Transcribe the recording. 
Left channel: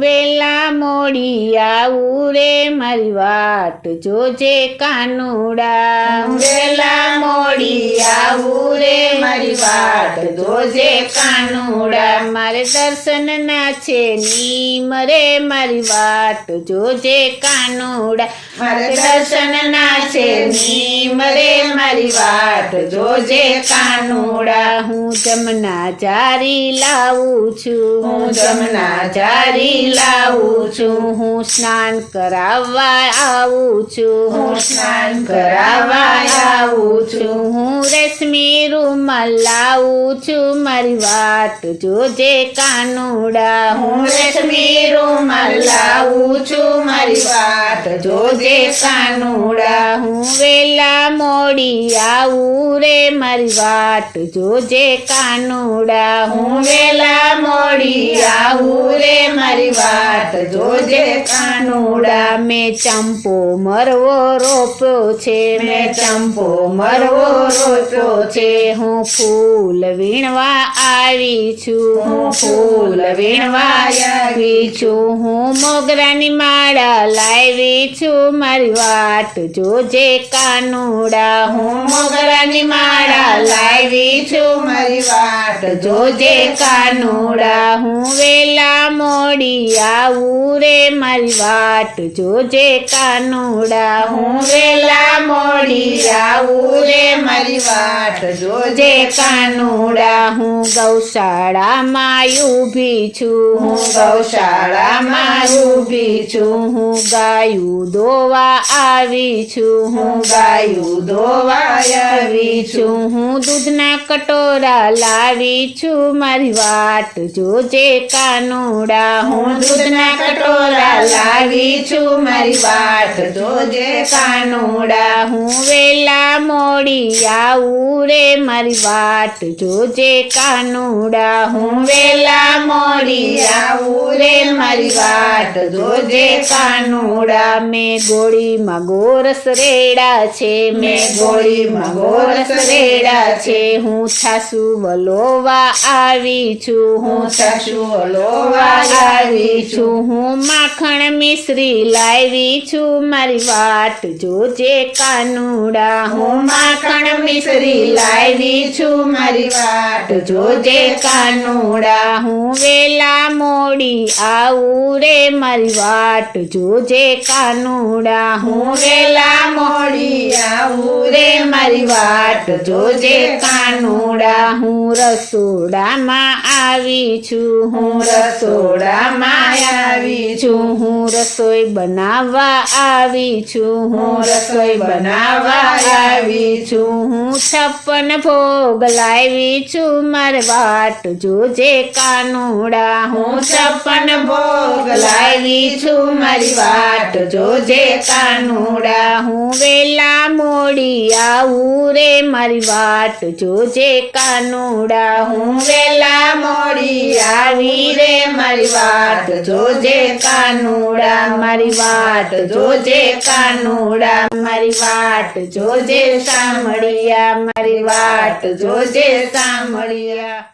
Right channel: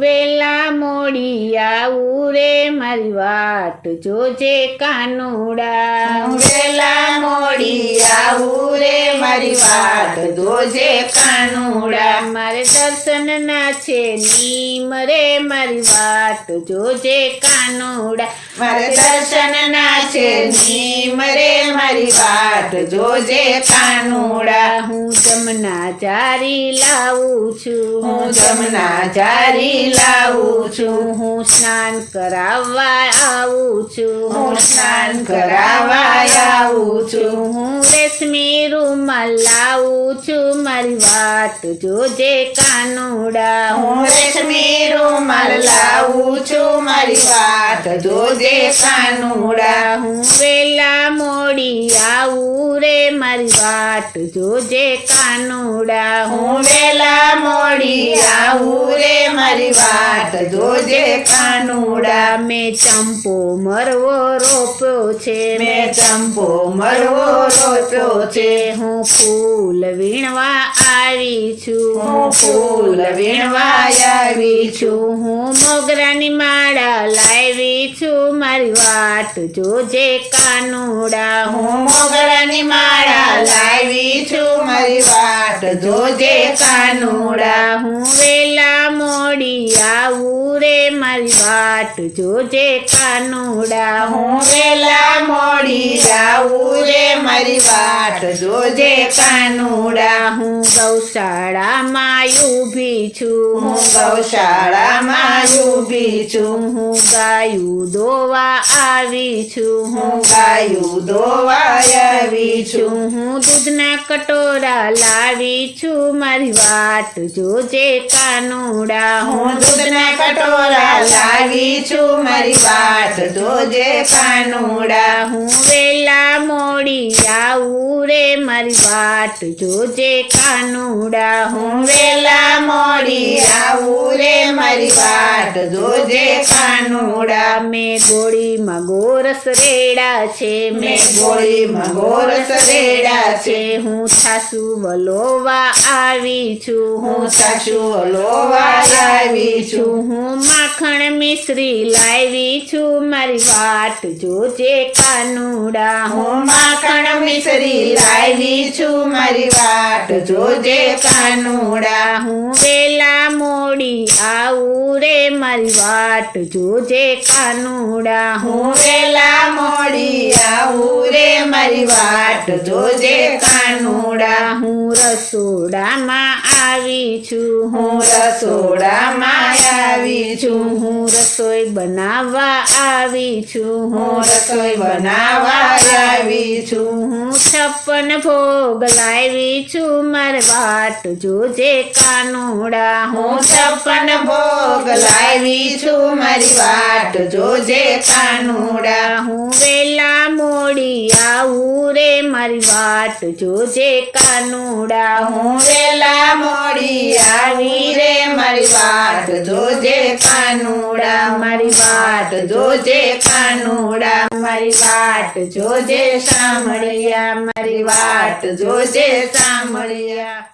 વેલા મોડી આવું રે મારી વાટ જોજે કાનુડા વેલા મોડી આવું રે મારી વાટ જોજે કાનુડા મારે દર્શન ના છે નીમ રે મારી વાટ જોજે કાનુડા મારે દર્શન ના છે નીમ રે મારી વાટ જોજે કાનુડા હું જમના જારી લાવું છું હું જમના જારી લાવું છું હું સ્નાન કરાવવા આવું છું હું સ્નાન કરાવવા આવું છું હું રેશમી રૂમાલ લાવું છું મારી વાટ જોજે કાનુડા હું રેશમી રૂમાલ લાવું છું મારી વાટ જોજે કાનુડા હું વેલા મોડી આવું રે મારી વાટ જોજે કાનુડા હું વેલા મોડી આવું રે મારી વાટ જોજે કાનુડા મેં ચંપો મરવો રોપ્યો છે મેં ચંપો મરવો રોપ્યો છે હું ફૂલ વીણવા આવી છું હું ફૂલ વીણવા આવી છું હું મોગરાની માળા લાવી છું મારી વાટ જોજે કાનુડા હું મોગરાની માળા લાવી છું મારી વાટ જોજે કાનુડા હું વેલા મોડી આવું રે મારી વાટ જોજે કાનુડા હું વેલા મોડી આવું રે મારી વાટ જોજે કાનુડા હું ગૌશાળામાં ઊભી છું હું ગૌશાળામાં ઊભી છું હું ગાયું દોવા આવી છું હું ગાયું ધોવા આવી છું હું દૂધના કટોરા લાવી છું મારી વાટ જોજે કાનુડા હું દૂધના કટોરા લાવી છું મારી વાટ જોજે કાનુડા હું વેલા મોડી આવું રે મારી વાટ જોજે કાનુડા હું વેલા મોડી આવું રે મારી વાટ જોજે કાનુડા મેં ગોળીમાં ગોરસ રેડા છે મેં ગોળીમાં ગોરસ રેડા છે હું છાસુ વલોવા આવી છું હું સાસુ લોવા આવી છું હું માખણ મિશ્રી લાવી છું મારી વાટ જોજે કાનુડા હું માખણ મિશ્રી લાવી છું મારી વાટ જોજે કાનુડા હું વેલા મોડી આવું રે મારી વાટ જોજે કાનુડા હું વેલા મોડી આવું રે મારી વાટ જોજે કાનુડા હું રસોડામાં આવી છું હું રસોડામાં આવી છું હું રસોઈ બનાવવા આવી છું હું રસોઈ બનાવવા આવી છું હું 56 ભોગ લાવી છું મારી વાટ જોજે કાનુડા હું 56 ભોગ લાવી છું મારી વાટ જોજે કાનુડા હું વેલા મોડી આવું રે મારી વાટ જોજે કાનુડા હું વેલા મોડી આવી રે મારી વાટ જોજે કાનુડા મારી વાટ જોજે કાનુડા મારી વાટ જોજે સાંભળિયા મારી વાટ જોજે સાંભળિયા